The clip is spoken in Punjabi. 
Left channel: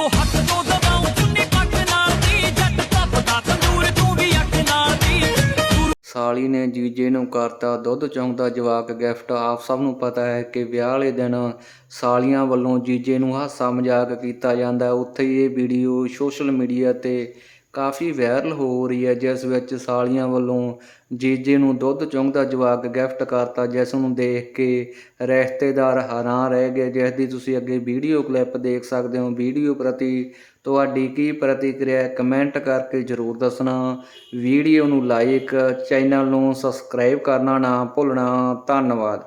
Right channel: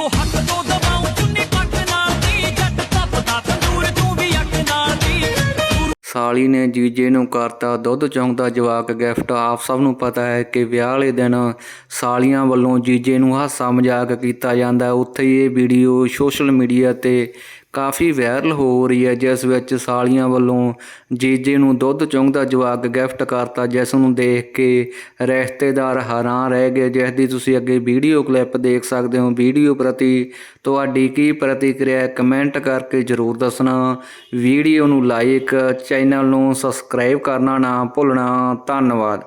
ਇੱਕੋ ਹੱਥ ਤੋਂ ਦਬਾਉ ਚੁੰਨੀ ਪੱਟ ਨਾਲ ਦੀ, ਜੱਟ ਤਪਦਾ ਤੰਦੂਰ ਤੂੰ ਵੀ ਅੱਗ ਨਾਲ ਦੀ। ਸਾਲੀ ਨੇ ਜੀਜੇ ਨੂੰ ਕਰਤਾ ਦੁੱਧ ਚੌਂਦਾ ਜਵਾਕ ਗਿਫਟ। ਆਪ ਸਭ ਨੂੰ ਪਤਾ ਹੈ ਕਿ ਵਿਆਹ ਵਾਲੇ ਦਿਨ ਸਾਲੀਆਂ ਵੱਲੋਂ ਜੀਜੇ ਨੂੰ ਹਾਸਾ ਮਜ਼ਾਕ ਕੀਤਾ ਜਾਂਦਾ। ਉੱਥੇ ਇਹ ਵੀਡੀਓ ਸੋਸ਼ਲ ਮੀਡੀਆ ਤੇ ਕਾਫੀ ਵਾਇਰਲ ਹੋ ਰਹੀ ਹੈ, ਜਿਸ ਵਿੱਚ ਸਾਲੀਆਂ ਵੱਲੋਂ ਜੀਜੇ ਨੂੰ ਦੁੱਧ ਚੌਂਦਾ ਜਵਾਕ ਗਿਫਟ ਕਰਤਾ, ਜਿਸ ਨੂੰ ਦੇਖ ਕੇ ਰਿਸ਼ਤੇਦਾਰ ਹੈਰਾਨ ਰਹਿ ਗਏ। ਜਿਸ ਦੀ ਤੁਸੀਂ ਅੱਗੇ ਵੀਡੀਓ ਕਲਿੱਪ ਦੇਖ ਸਕਦੇ ਹੋ। ਵੀਡੀਓ ਪ੍ਰਤੀ ਤੁਹਾਡੀ ਕੀ ਪ੍ਰਤੀਕਿਰਿਆ ਕਮੈਂਟ ਕਰਕੇ ਜਰੂਰ ਦੱਸਣਾ। ਵੀਡੀਓ ਨੂੰ ਲਾਈਕ ਚੈਨਲ ਨੂੰ ਸਬਸਕ੍ਰਾਈਬ ਕਰਨਾ ਨਾ ਭੁੱਲਣਾ। ਧੰਨਵਾਦ।